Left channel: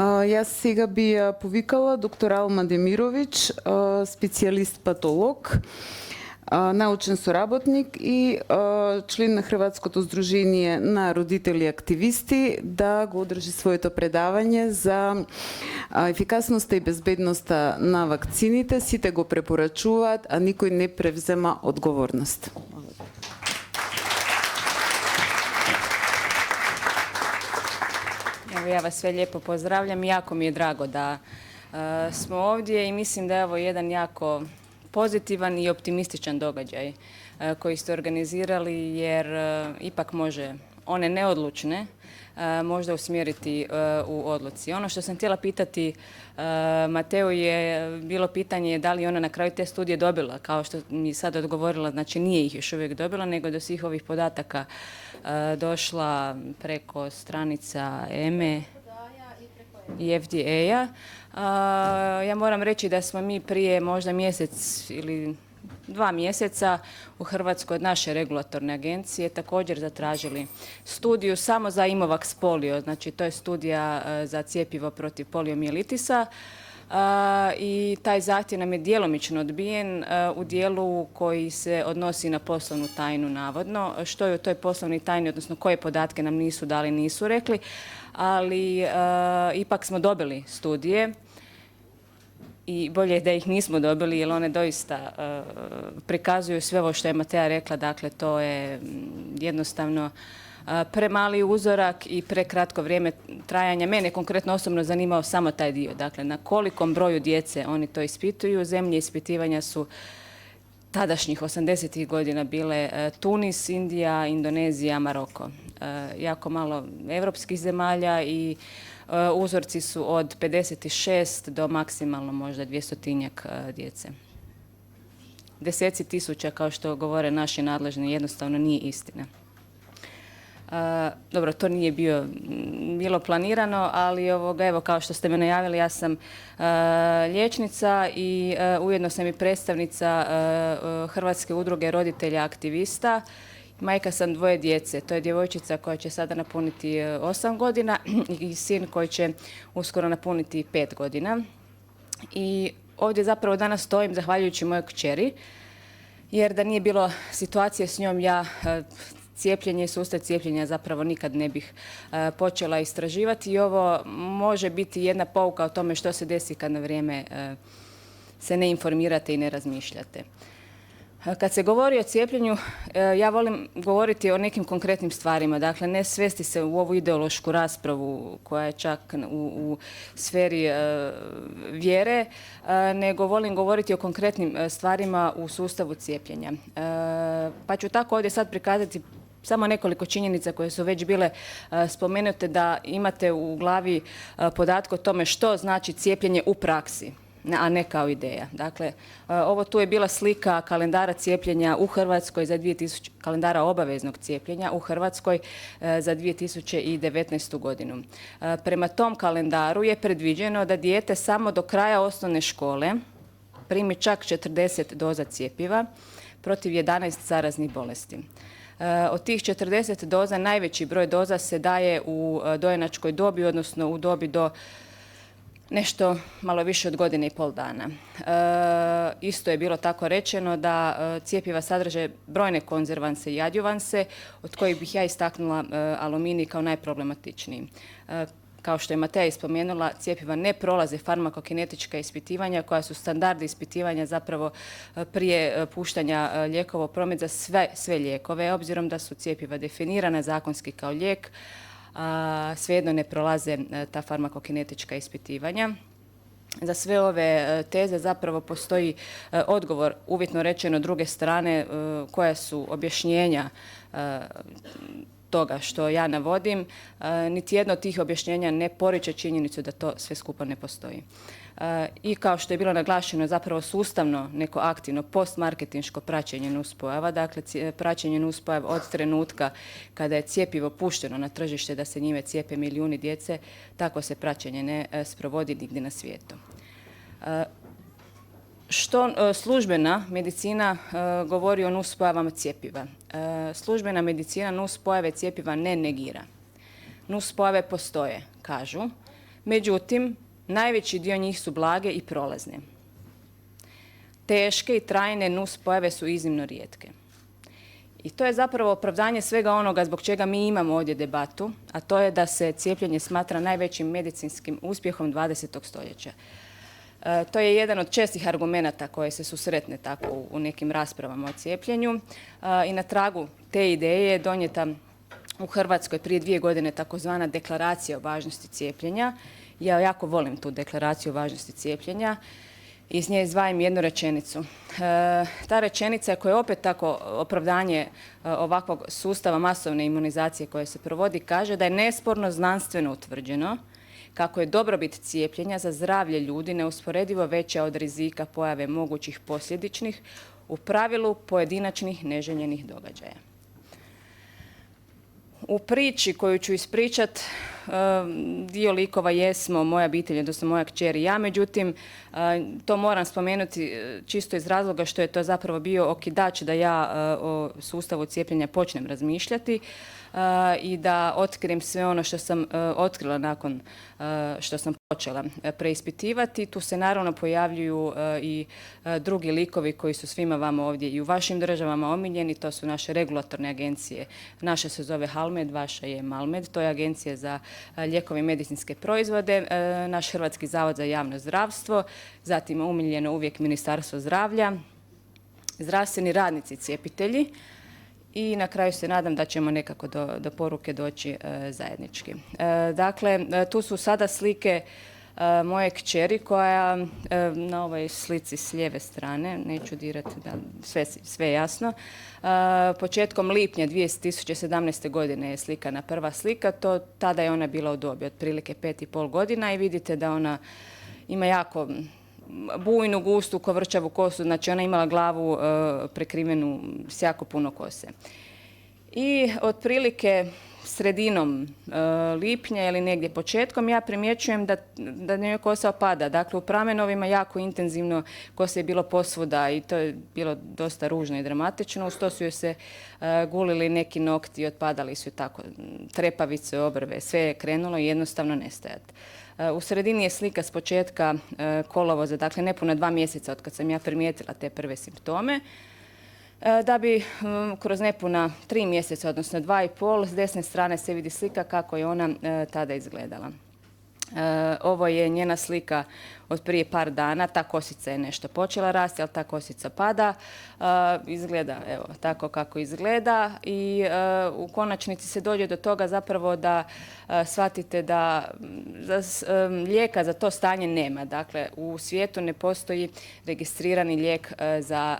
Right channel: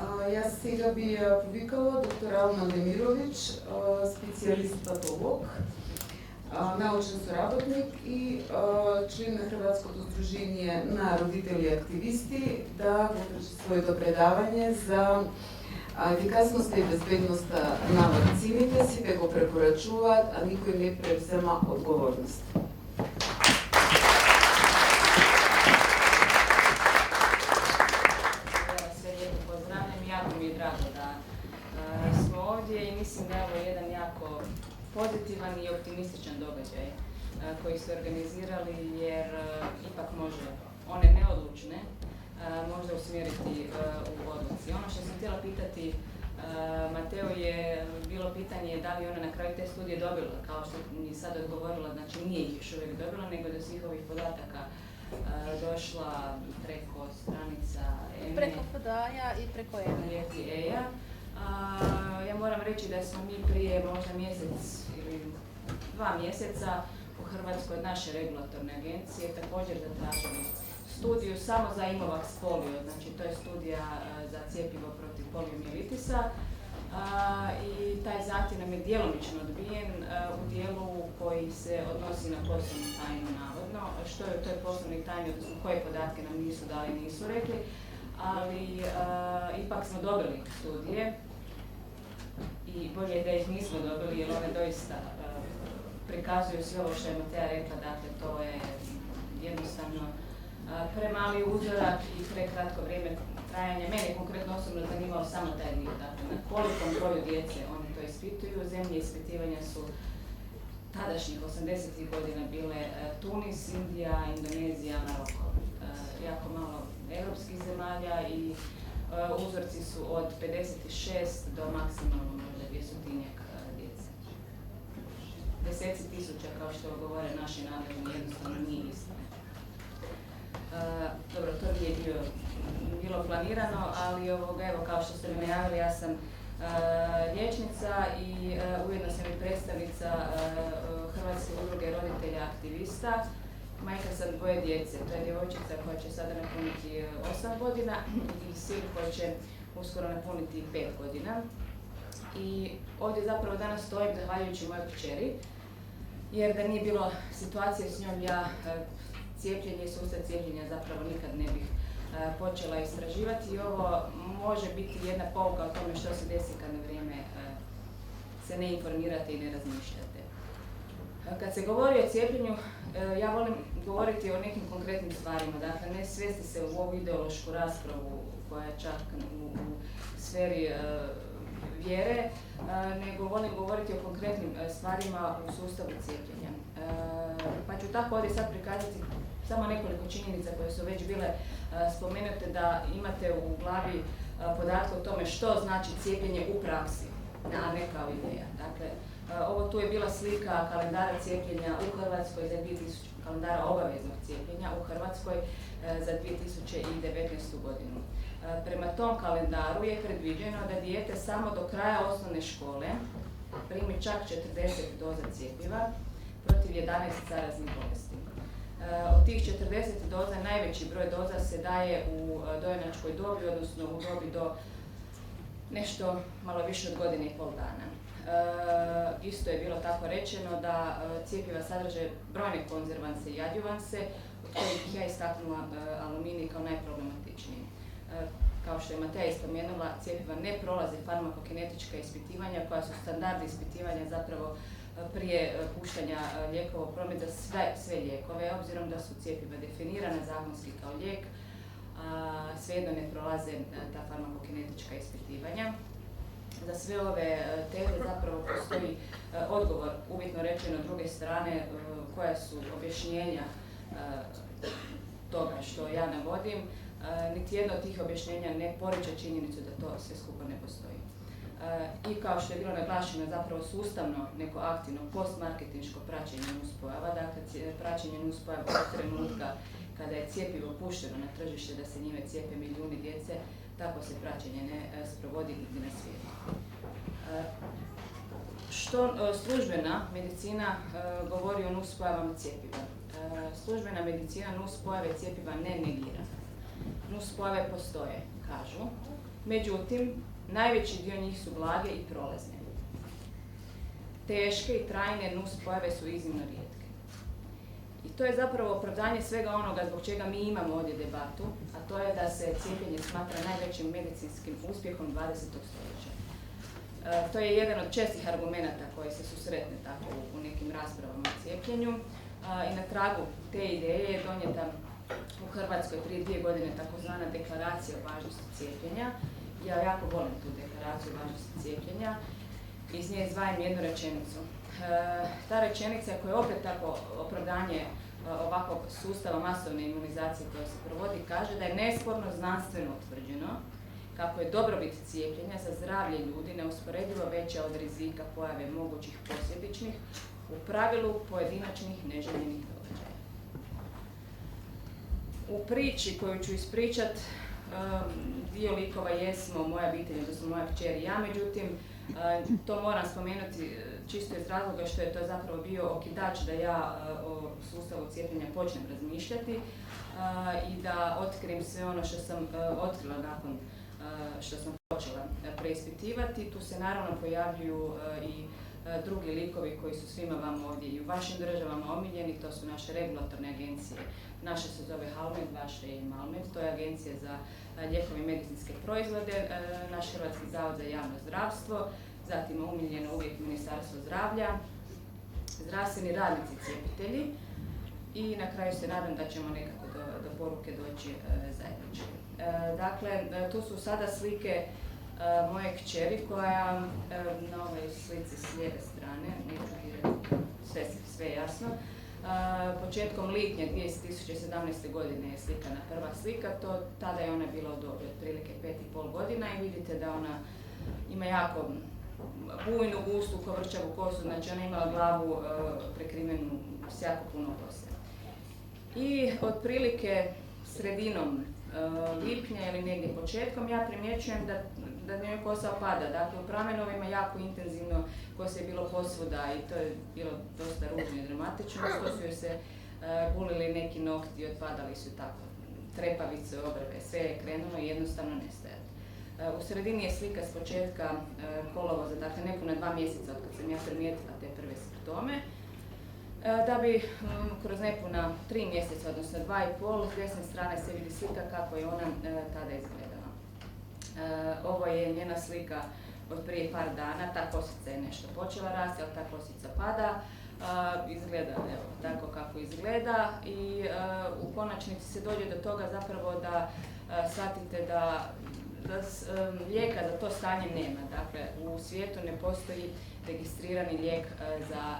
Јас сега би ја повикала доктор Алма Демировиќ, специјалист патолог, научен соработник и член на Хрватското здружение на родители и активисти, да го одржи своето предавање за ефикасноста и безбедноста на вакцините. Сите го препорачуваат, а никој не превзема одговорност. Ja vas sve lijepo pozdravljam. Jako mi je drago da smo ovdje i mislim da je ovo jedan jako pozitivan i optimističan događaj koji ste organizirali, jer ipak može one neodlučne možda usmjeriti u odluci. Ono što sam htjela pitati Mateu je bilo pitanje da li ona na kraju te studije dobila, kao što mi sad odgovorila, znači nije ih još uvijek dobila, nego do svih ovih podataka došla preko stranica EME i FDA-a. Ja moram reći da smo mi prije možda mjesec ili 2 mjeseca u Hrvatskoj od naše regulatorne agencije također zatražili studiju samo za Imovax polio, znači to je studija za cjepivo protiv poliomijelitisa, i taj zahtjev nam je djelomično odbijen u dijelu koji se odnosi na poslovnu tajnu navodno. Što je u toj poslovnoj tajni, odnosno koje podatke nam nisu dali, nisu rekli, ali ipak smo dobili studije. I bolje je da ih nismo dobili, jer one doista prikazuju sve ovo što je Matea rekla, dakle to je jednostavno premali uzorak i prekratko vrijeme trajanja. Mene konkretno osobno zanimao samo taj dio, dakle na kolikom broju djece oni to ispituju. Zemlje ispitivanja su tadašnjih 80-ih godina bile Tunis, Indija, Indonezija, Maroko. Jako malo evropskih zemalja i uzorci su od 56 do maksimalno možda 200-tinjak djece. Deseci tisuća, kao što govore naši nadležni, jednostavno nije istina. Dobro, to nije bilo planirano, ali evo, kao što ste me najavili, ja sam liječnica i ujedno sam i predstavnica Hrvatske udruge roditelja aktivista. Majka sam 2 djece, to je djevojčica koja će sada napuniti 8 godina i sin koji će uskoro napuniti 5 godina. I ovdje zapravo danas stojim zahvaljujući mojoj kćeri, jer da nije bilo situacije s njom, ja cijepljenje i sustav cijepljenja zapravo nikad ne bih počela istraživati, i ovo može biti jedna pouka o tome što se desi kad na vrijeme se ne informirate i ne razmišljate. Kad se govori o cijepljenju, ja volim govoriti o nekim konkretnim stvarima, dakle ne svesti se u ovu ideološku raspravu koja je čak u sferi vjere, nego volim govoriti o konkretnim stvarima u sustavu cijepljenja. Pa ću tako ovdje sad prikazati samo nekoliko činjenica koje su već bile spomenute, da imate u glavi podatke o tome što znači cijepljenje u praksi, a ne kao ideja. Dakle, ovo tu je bila slika kalendara cijepljenja u Hrvatskoj za kalendara obaveznog cijepljenja u Hrvatskoj za 2019. godinu. Prema tom kalendaru je predviđeno da dijete samo do kraja osnovne škole primi čak 40 doza cjepiva protiv 11 zaraznih bolesti. Od tih 40 doza najveći broj doza se daje u dojenačkoj dobi, odnosno u dobi do nešto malo više od 1,5 dana. Isto je bilo tako rečeno da cjepiva sadrže brojne konzervanse i adjuvanse, od kojih bih ja istaknula aluminij kao najproblematičniji. Kao što je Matea spomenula, cjepiva ne prolaze farmakokinetička ispitivanja koja su standardi ispitivanja zapravo prije puštanja lijekova u promet za sve lijekove, obzirom da su cjepiva definirana zakonski kao lijek, svejedno ne prolaze ta farmakokinetička ispitivanja. Za sve ove teze zapravo postoji odgovor, uvjetno rečeno, druge strane, koja su objašnjenja toga što ja navodim. Niti jedno od tih objašnjenja ne poriče činjenicu da to sve skupa ne postoji. I kao što je bilo naglašeno, zapravo sustavno neko aktivno postmarketinško praćenje nuspojava, dakle praćenje nuspojava od trenutka kada je cjepivo pušteno na tržište da se njime cijepe milijuni djece, tako se praćenje ne sprovodi nigdje na svijetu. Što službena medicina govori o nuspojavama cjepiva? Službena medicina nuspojave cjepiva ne negira. Nuspojave postoje, kažu. Međutim, najveći dio njih su blage i prolazne. Teške i trajne nuspojave su iznimno rijetke. I to je zapravo opravdanje svega onoga zbog čega mi imamo ovdje debatu, a to je da se cijepljenje smatra najvećim medicinskim uspjehom 20. stoljeća. To je jedan od čestih argumenata koje se susretne tako u nekim raspravama o cijepljenju. I na tragu te ideje je donijeta u Hrvatskoj prije 2 godine takozvana deklaracija o važnosti cijepljenja. Ja jako volim tu deklaraciju o važnosti cijepljenja. Iz nje izdvajam jednu rečenicu. Ta rečenica koja je opet tako opravdanje ovakvog sustava masovne imunizacije koje se provodi kaže da je nesporno znanstveno utvrđeno kako je dobrobit cijepljenja za zdravlje ljudi neusporedivo veća od rizika pojave mogućih posljedičnih, u pravilu pojedinačnih neželjenih događaja. U priči koju ću ispričat, dio likova jesmo moja obitelj, odnosno moja kćer i ja, međutim, to moram spomenuti čisto iz razloga što je to zapravo bio okidač da ja o sustavu cijepljenja počnem razmišljati i da otkrijem sve ono što sam otkrila nakon što sam počela preispitivati. Tu se naravno pojavljuju i drugi likovi koji su svima vama ovdje i u vašim državama omiljeni. To su naše regulatorne agencije. Naša se zove HALMED, vaša je MALMED. To je Agencija za lijekove i medicinske proizvode, naš Hrvatski zavod za javno zdravstvo, zatim umiljeno uvijek Ministarstvo zdravlja, zdravstveni radnici cijepitelji. I na kraju se nadam da ćemo nekako do poruke doći zajednički. Dakle, tu su sada slike moje kćeri koja na ovoj slici s lijeve strane, neću dirati da sve je jasno, početkom lipnja 2017. godine je slikana prva slika, tada je ona bila u dobi otprilike 5,5 godina i vidite da ona ima jako bujnu, gustu, kovrčavu kosu, znači ona imala glavu prekrivenu s jako puno kose. I otprilike sredinom lipnja ili negdje početkom ja primjećujem da njoj kosa opada. Dakle, u pramenovima jako intenzivno kosa je bilo posvuda i to je bilo dosta ružno i dramatično. Uz to su joj se gulili neki nokti, otpadali su tako trepavice, obrve, sve je krenulo i jednostavno nestajati. U sredini je slika s početka kolovoza, dakle nepuna 2 mjeseca od kad sam ja primijetila te prve simptome, da bi kroz nepuna 3 mjeseca, odnosno 2,5, s desne strane se vidi slika kako je ona tada izgledala. Ovo je njena slika od prije par dana, ta kosica je nešto počela rasti, ali ta kosica pada. Izgleda evo tako kako izgleda i u konačnici se dođe do toga zapravo da shvatite da lijeka za to stanje nema. Dakle, u svijetu ne postoji registrirani lijek za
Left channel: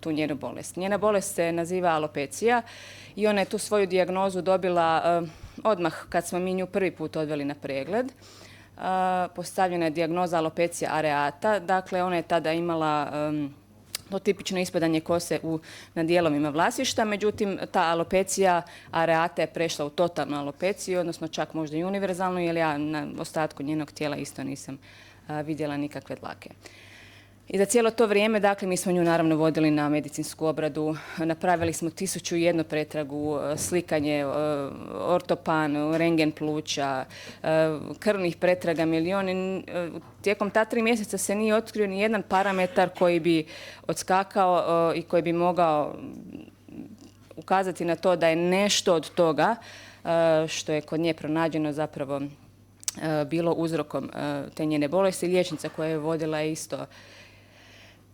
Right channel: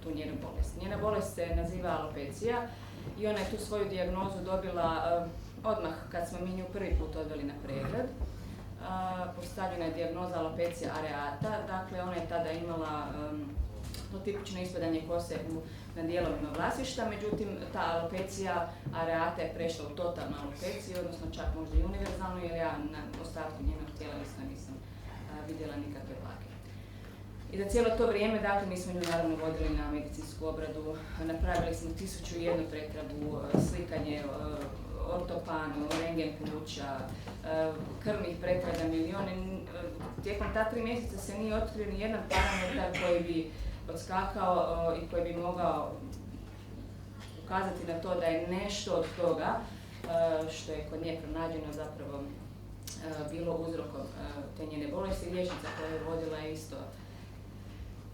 tu njenu bolest. Njena bolest se naziva alopecija i ona je tu svoju dijagnozu dobila odmah kad smo mi nju prvi put odveli na pregled. Postavljena je dijagnoza alopecija areata, dakle ona je tada imala to tipično ispadanje kose na dijelovima vlasišta, međutim ta alopecija areata je prešla u totalnu alopeciju, odnosno čak možda i univerzalnu, jer ja na ostatku njenog tijela isto nisam vidjela nikakve dlake. I za cijelo to vrijeme, dakle, mi smo nju naravno vodili na medicinsku obradu, napravili smo 1001 pretragu, slikanje, ortopan, rengen pluća, krvnih pretraga milijuni. Tijekom ta 3 mjeseca se nije otkrio ni jedan parametar koji bi odskakao i koji bi mogao ukazati na to da je nešto od toga što je kod nje pronađeno zapravo bilo uzrokom te njene bolesti. Liječnica koja je vodila je isto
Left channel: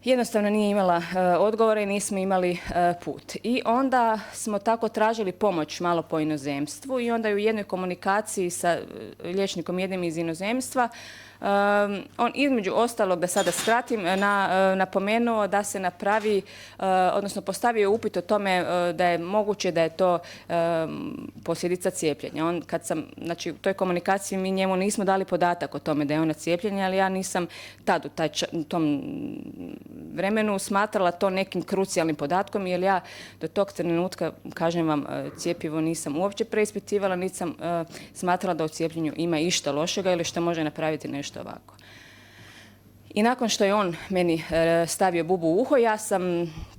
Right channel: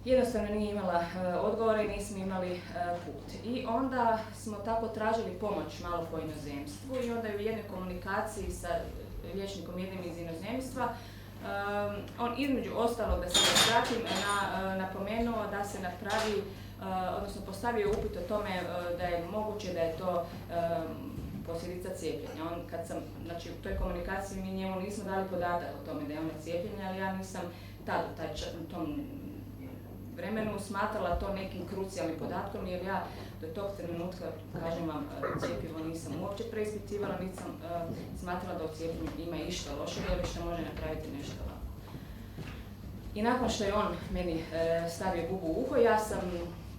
jednostavno nije imala odgovore i nismo imali put. I onda smo tako tražili pomoć malo po inozemstvu i onda je u jednoj komunikaciji sa liječnikom jednim iz inozemstva on između ostalog, da sada skratim, napomenuo da se napravi, odnosno postavio upit o tome da je moguće da je to posljedica cijepljenja. Znači u toj komunikaciji mi njemu nismo dali podatak o tome da je ona cijepljenja, ali ja nisam tad u tom vremenu smatrala to nekim krucijalnim podatkom, jer ja do tog trenutka, kažem vam, cjepivo nisam uopće preispitivala, niti sam smatrala da u cijepljenju ima išta lošega ili što može napraviti nešto ovako. I nakon što je on meni stavio bubu u uho, ja sam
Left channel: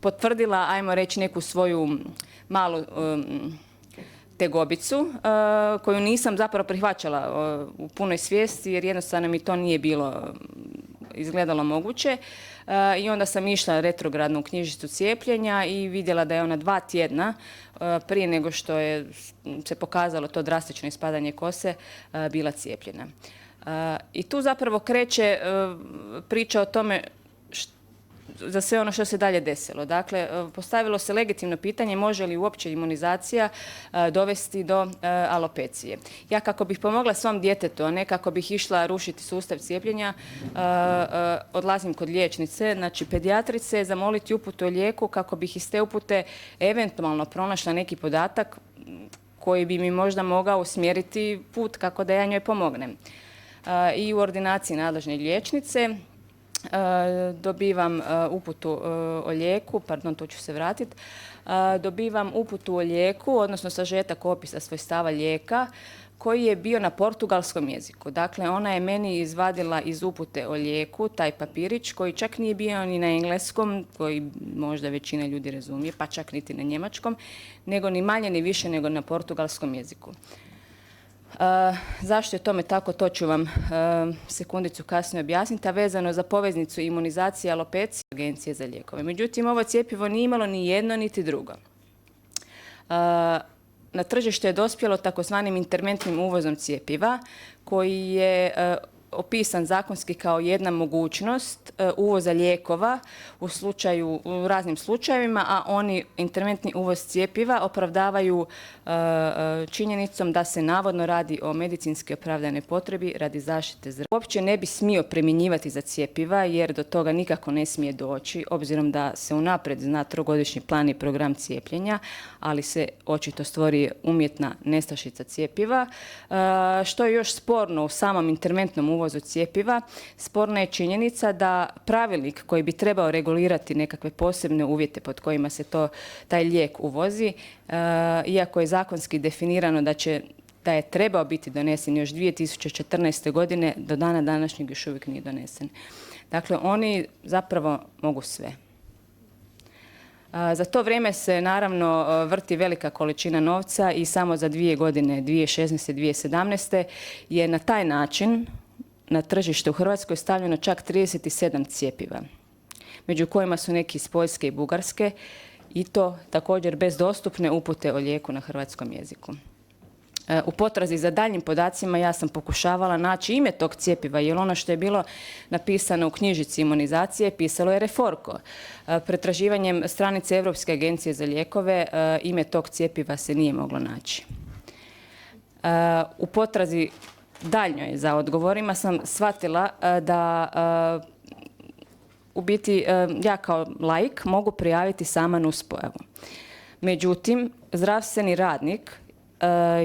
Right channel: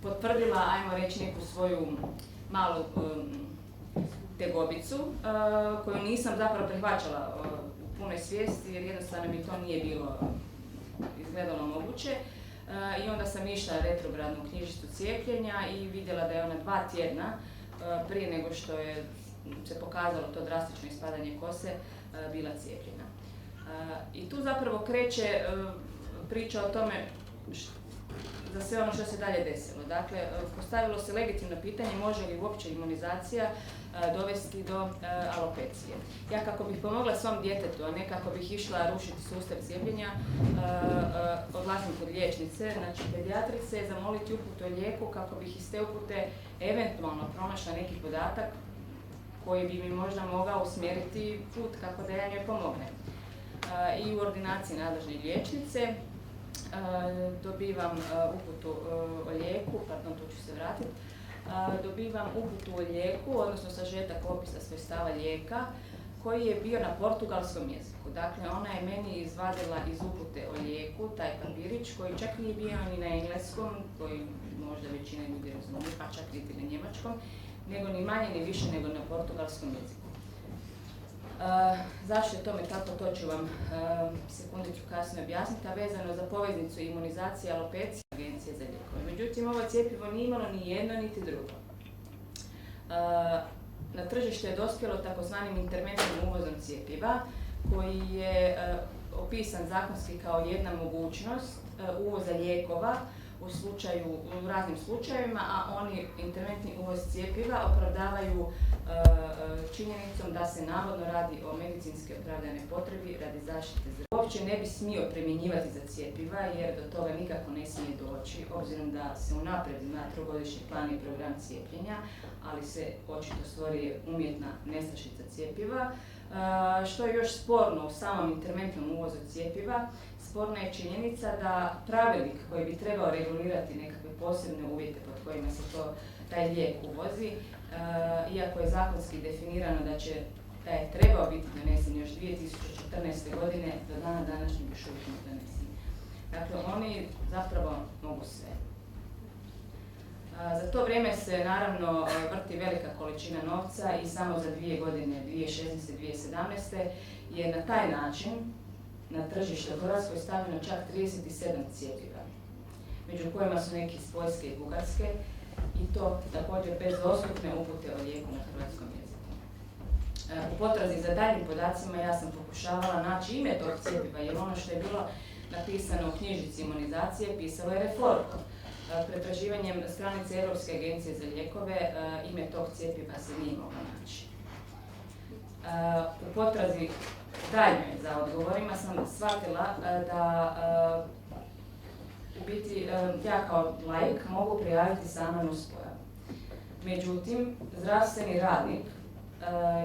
potvrdila, ajmo reći, neku svoju malu tegobicu koju nisam zapravo prihvaćala u punoj svijesti jer jednostavno mi to nije bilo izgledalo moguće. I onda sam išla retrogradno u knjižicu cijepljenja i vidjela da je ona 2 tjedna prije nego što je se pokazalo to drastično ispadanje kose bila cijepljena. I tu zapravo kreće priča o tome za sve ono što se dalje desilo. Dakle, postavilo se legitimno pitanje može li uopće imunizacija dovesti do alopecije. Ja kako bih pomogla svom djetetu, a ne kako bih išla rušiti sustav cijepljenja, odlazim kod liječnice, znači pedijatrice, zamoliti uputu o lijeku kako bih iz te upute eventualno pronašla neki podatak koji bi mi možda mogao usmjeriti put kako da ja njoj pomognem. I u ordinaciji nadležne liječnice dobivam uputu o lijeku, tu ću se vratiti, dobivam uputu o lijeku, odnosno sažetak opisa svojstava lijeka koji je bio na portugalskom jeziku. Dakle, ona je meni izvadila iz upute o lijeku taj papirić koji čak nije bio ni na engleskom, koji možda većina ljudi razumije, pa čak niti na njemačkom, nego ni manje ni više nego na portugalskom jeziku. Zašto je tome tako, to ću vam sekundicu kasnije objasniti, a vezano za poveznicu imunizacije alopecije Agencije za lijekove. Međutim, ovo cjepivo nije imalo ni jedno niti drugo. Na tržište je dospjelo takozvanim interventnim uvozom cjepiva koji je opisan zakonski kao jedna mogućnost uvoza lijekova u raznim slučajevima, a oni interventni uvoz cjepiva opravdavaju činjenicom da se navodno radi o medicinski opravdanoj potrebi radi zaštite zdravlja. Uopće ne bi smio primjenjivati za cjepiva jer do toga nikako ne smije doći, obzirom da se unaprijed zna 3-godišnji plan i program cijepljenja, ali se očito stvori umjetna nestašica cjepiva. Što je još sporno u samom interventnom uvozu cjepiva, sporna je činjenica da pravilnik koji bi trebao regulirati nekakve posebne uvjete pod kojima se taj lijek uvozi, iako je zakonski definirano da je trebao biti donesen još 2014. godine, do dana današnjeg još uvijek nije donesen. Dakle, oni zapravo mogu sve. Za to vrijeme se naravno vrti velika količina novca i samo za 2 godine, 2016. i 2017. je na taj način na tržište u Hrvatskoj stavljeno čak 37 cjepiva, među kojima su neki iz Poljske i Bugarske i to također bez dostupne upute o lijeku na hrvatskom jeziku. U potrazi za daljnjim podacima ja sam pokušavala naći ime tog cjepiva jer ono što je bilo napisano u knjižici imunizacije pisalo je Reforko. Pretraživanjem stranice Europske agencije za lijekove ime tog cjepiva se nije moglo naći. U potrazi daljnjoj za odgovorima sam shvatila da u biti ja kao laik mogu prijaviti sama nuspojavu. Međutim, zdravstveni radnik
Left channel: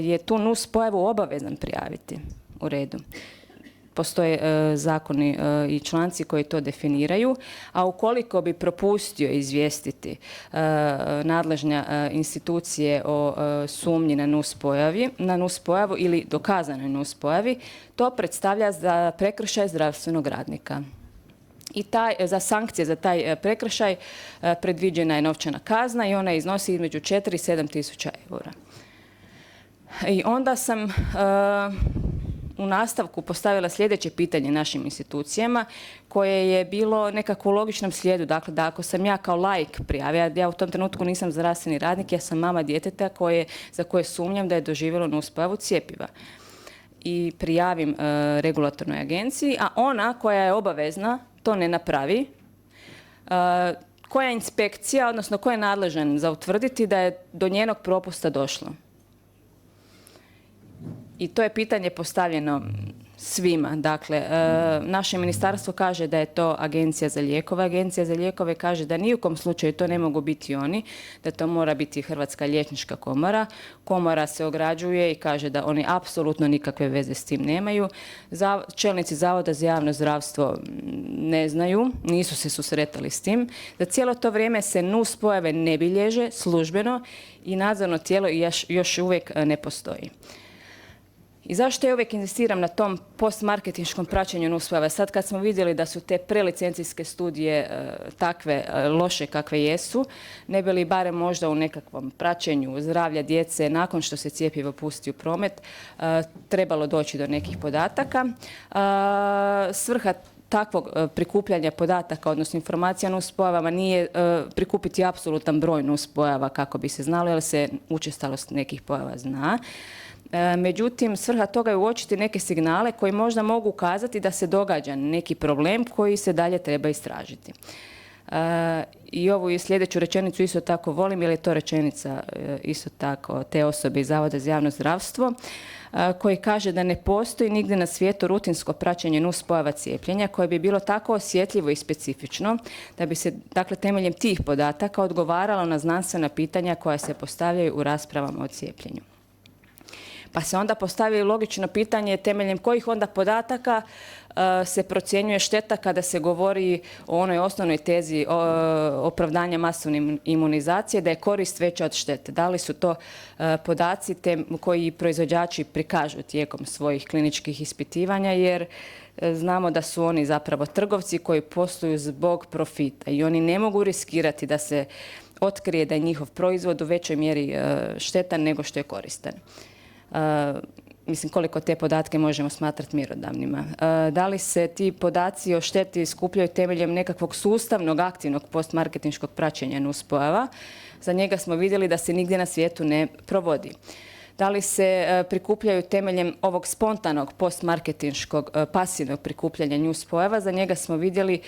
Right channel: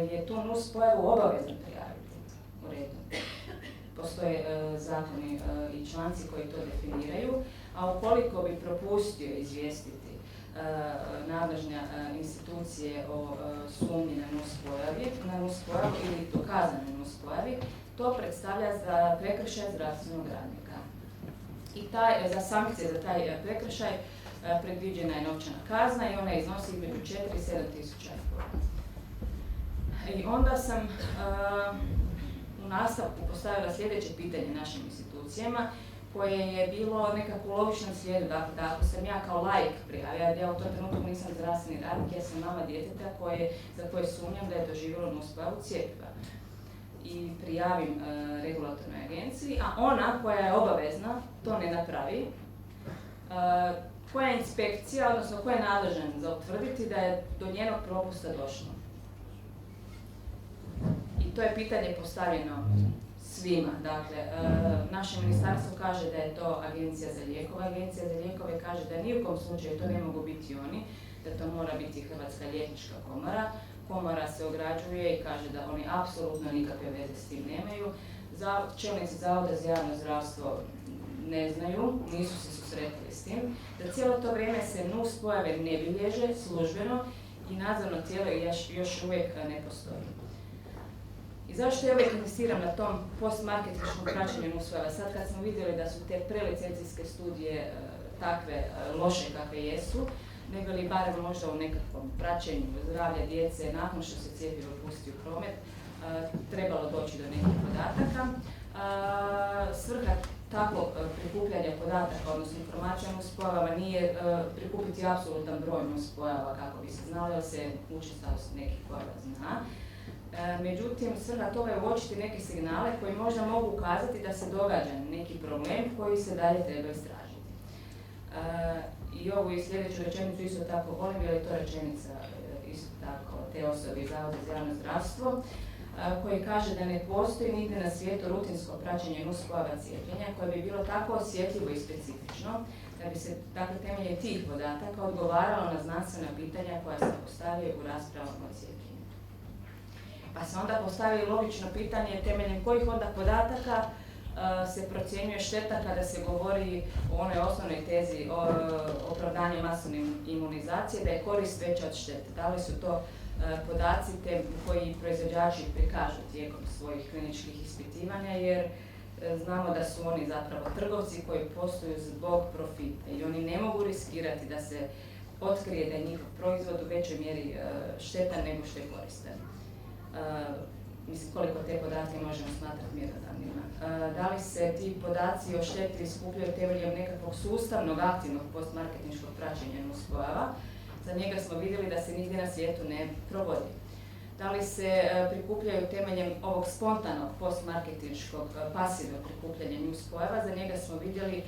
je tu nuspojavu obavezan prijaviti. U redu. Postoje zakoni i članci koji to definiraju, a ukoliko bi propustio izvijestiti nadležne institucije o sumnji na nuspojavu ili dokazanoj nuspojavi, to predstavlja za prekršaj zdravstvenog radnika. I za sankcije za taj prekršaj predviđena je novčana kazna i ona iznosi između 4 i 7 tisuća eura. I onda sam u nastavku postavila sljedeće pitanje našim institucijama koje je bilo nekako u logičnom slijedu. Dakle, da ako sam ja kao laik prijavila, ja u tom trenutku nisam zdravstveni radnik, ja sam mama djeteta za koje sumnjam da je doživjelo nuspojavu cjepiva. I prijavim regulatornoj agenciji, a ona koja je obavezna to ne napravi, koja je inspekcija, odnosno ko je nadležan za utvrditi da je do njenog propusta došlo. I to je pitanje postavljeno svima. Dakle, naše ministarstvo kaže da je to Agencija za lijekove. Agencija za lijekove kaže da ni u kom slučaju to ne mogu biti oni, da to mora biti Hrvatska liječnička komora. Komora se ograđuje i kaže da oni apsolutno nikakve veze s tim nemaju. Čelnici Zavoda za javno zdravstvo ne znaju, nisu se susretali s tim. Da cijelo to vrijeme se nuspojave ne bilježe službeno i nadzorno tijelo još uvijek ne postoji. I zašto ja uvijek insistiram na tom postmarketinškom praćenju nuspojava? Sad kad smo vidjeli da su te prelicencijske studije takve loše kakve jesu, ne bi li barem možda u nekakvom praćenju zdravlja djece nakon što se cjepivo pusti u promet trebalo doći do nekih podataka. Svrha takvog prikupljanja podataka, odnosno informacija o nuspojavama nije prikupiti apsolutan broj nuspojava kako bi se znalo, jer se učestalost nekih pojava zna. Međutim, svrha toga je uočiti neke signale koji možda mogu ukazati da se događa neki problem koji se dalje treba istražiti. I ovu i sljedeću rečenicu isto tako volim, jer je to rečenica isto tako te osobe iz Zavoda za javno zdravstvo, koji kaže da ne postoji nigdje na svijetu rutinsko praćenje nuspojava cijepljenja koje bi bilo tako osjetljivo i specifično da bi se, dakle, temeljem tih podataka odgovaralo na znanstvena pitanja koja se postavljaju u raspravama o cijepljenju. Pa se onda postavi logično pitanje temeljem kojih onda podataka se procjenjuje šteta kada se govori o onoj osnovnoj tezi opravdanja masovne imunizacije, da je korist veća od štete. Da li su to podaci koji proizvođači prikažu tijekom svojih kliničkih ispitivanja, jer znamo da su oni zapravo trgovci koji posluju zbog profita i oni ne mogu riskirati da se otkrije da je njihov proizvod u većoj mjeri štetan nego što je koristan. Mislim, koliko te podatke možemo smatrati mjerodavnima. Da li se ti podaci o šteti skupljaju temeljem nekakvog sustavnog, aktivnog postmarketinškog praćenja nuspojava? Za njega smo vidjeli da se nigdje na svijetu ne provodi. Da li se prikupljaju temeljem ovog spontanog postmarketinškog pasivnog prikupljanja nuspojava? Za njega smo vidjeli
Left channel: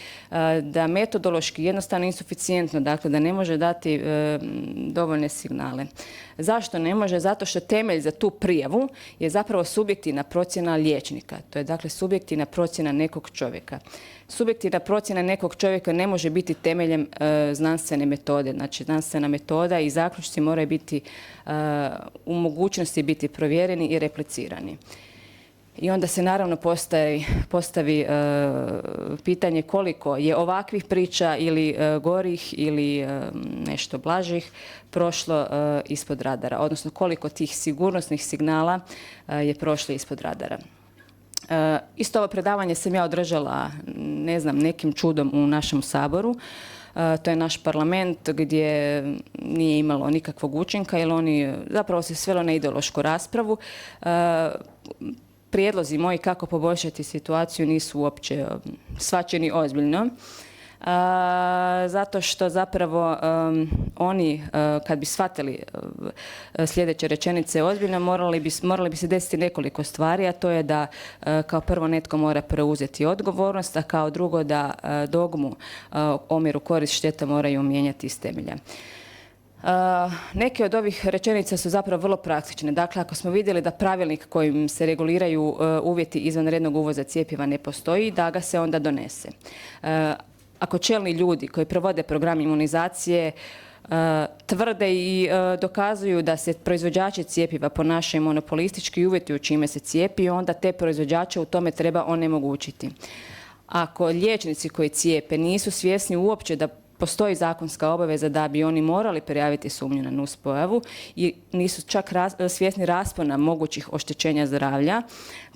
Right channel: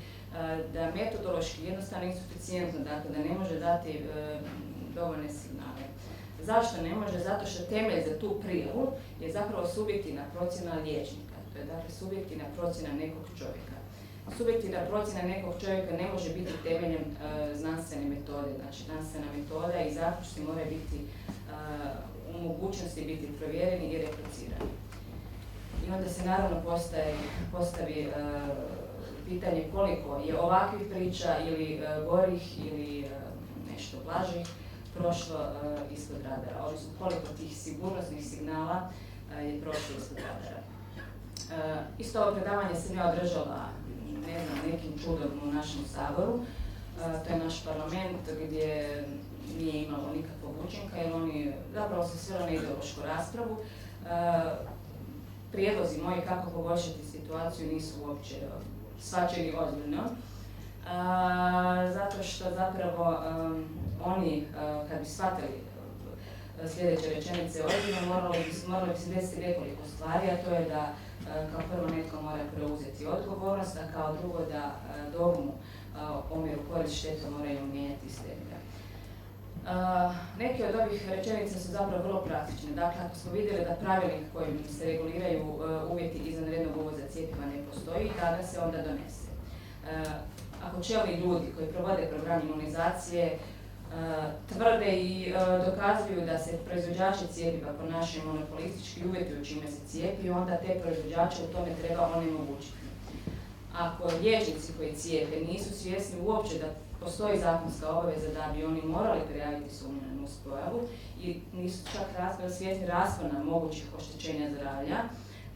da metodološki jednostavno insuficijentno, dakle da ne može dati dovoljne signale. Zašto ne može? Zato što temelj za tu prijavu je zapravo subjektivna procjena liječnika. To je dakle subjektivna procjena nekog čovjeka. Subjektivna procjena nekog čovjeka ne može biti temeljem znanstvene metode. Znači, znanstvena metoda i zaključci moraju biti u mogućnosti biti provjereni i replicirani. I onda se naravno postavi pitanje koliko je ovakvih priča ili gorih ili nešto blažih prošlo ispod radara, odnosno koliko tih sigurnosnih signala je prošlo ispod radara. Isto ovo predavanje sam ja održala, ne znam, nekim čudom u našem Saboru. To je naš parlament gdje nije imalo nikakvog učinka, jer oni zapravo se svelo na ideološku raspravu. Prijedlozi moji kako poboljšati situaciju nisu uopće shvaćeni ozbiljno. Zato što zapravo oni kad bi shvatili sljedeće rečenice ozbiljno morali bi se desiti nekoliko stvari, a to je da kao prvo netko mora preuzeti odgovornost, a kao drugo da dogmu omjeru korist šteta moraju mijenjati iz temelja. Neke od ovih rečenica su zapravo vrlo praktične. Dakle, ako smo vidjeli da pravilnik kojim se reguliraju uvjeti izvanrednog uvoza cjepiva ne postoji, da ga se onda donese. Ako čelni ljudi koji provode program imunizacije tvrde i dokazuju da se proizvođači cjepiva ponašaju monopolistički i uvjetuju čime se cijepi, onda te proizvođače u tome treba onemogućiti. Ako liječnici koji cijepe nisu svjesni uopće da postoji zakonska obaveza da bi oni morali prijaviti sumnju na nuspojavu i nisu čak svjesni raspona mogućih oštećenja zdravlja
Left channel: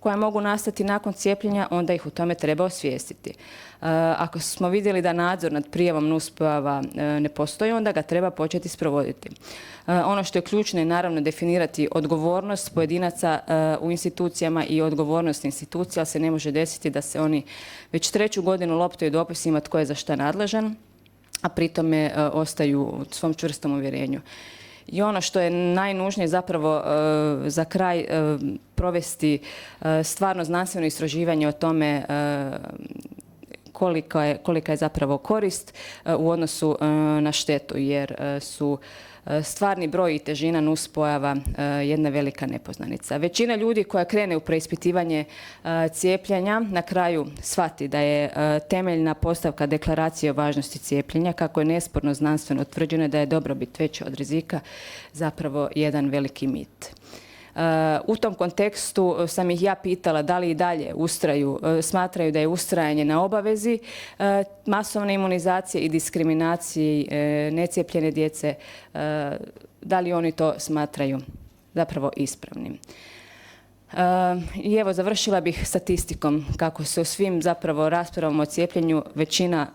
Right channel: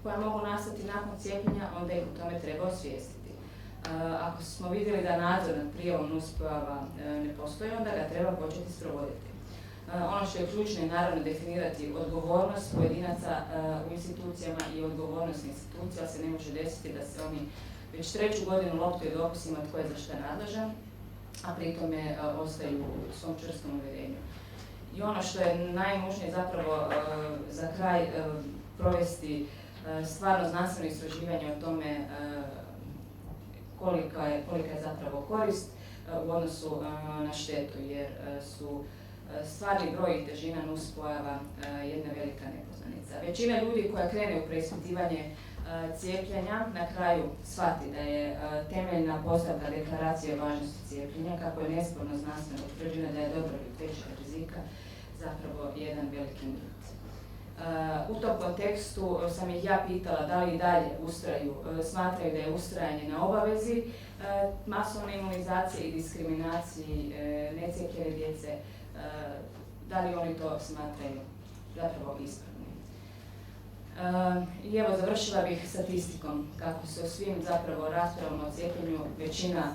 koja mogu nastati nakon cijepljenja, onda ih u tome treba osvijestiti. Ako smo vidjeli da nadzor nad prijavom nuspojava ne postoji, onda ga treba početi sprovoditi. Ono što je ključno je naravno definirati odgovornost pojedinaca u institucijama i odgovornost institucija, ali se ne može desiti da se oni već 3. godinu loptaju dopisima tko je za šta nadležan, a pritome ostaju u svom čvrstom uvjerenju. I ono što je najnužnije zapravo za kraj provesti stvarno znanstveno istraživanje o tome kolika je zapravo korist u odnosu na štetu, jer su stvarni broj i težina nuspojava jedna velika nepoznanica. Većina ljudi koja krene u preispitivanje cijepljenja na kraju shvati da je temeljna postavka deklaracije o važnosti cijepljenja, kako je nesporno znanstveno utvrđeno da je dobrobit veća od rizika, zapravo jedan veliki mit. U tom kontekstu sam ih ja pitala da li i dalje smatraju da je ustrajanje na obavezi masovne imunizacije i diskriminaciji necijepljene djece, da li oni to smatraju zapravo ispravnim. I evo, završila bih statistikom, kako se u svim zapravo raspravama o cijepljenju većina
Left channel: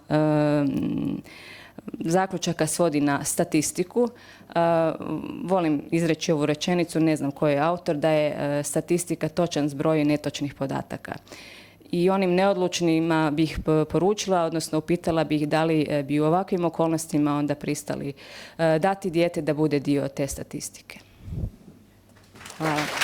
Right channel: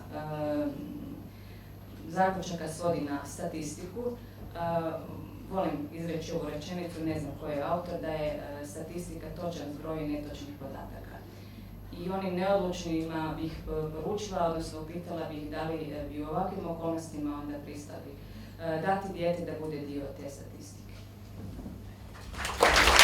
zaključaka svodi na statistiku. Volim izreći ovu rečenicu, ne znam ko je autor, da je statistika točan zbroj netočnih podataka. I onim neodlučnima bih poručila, odnosno upitala bih da li bi u ovakvim okolnostima onda pristali dati dijete da bude dio te statistike. Hvala.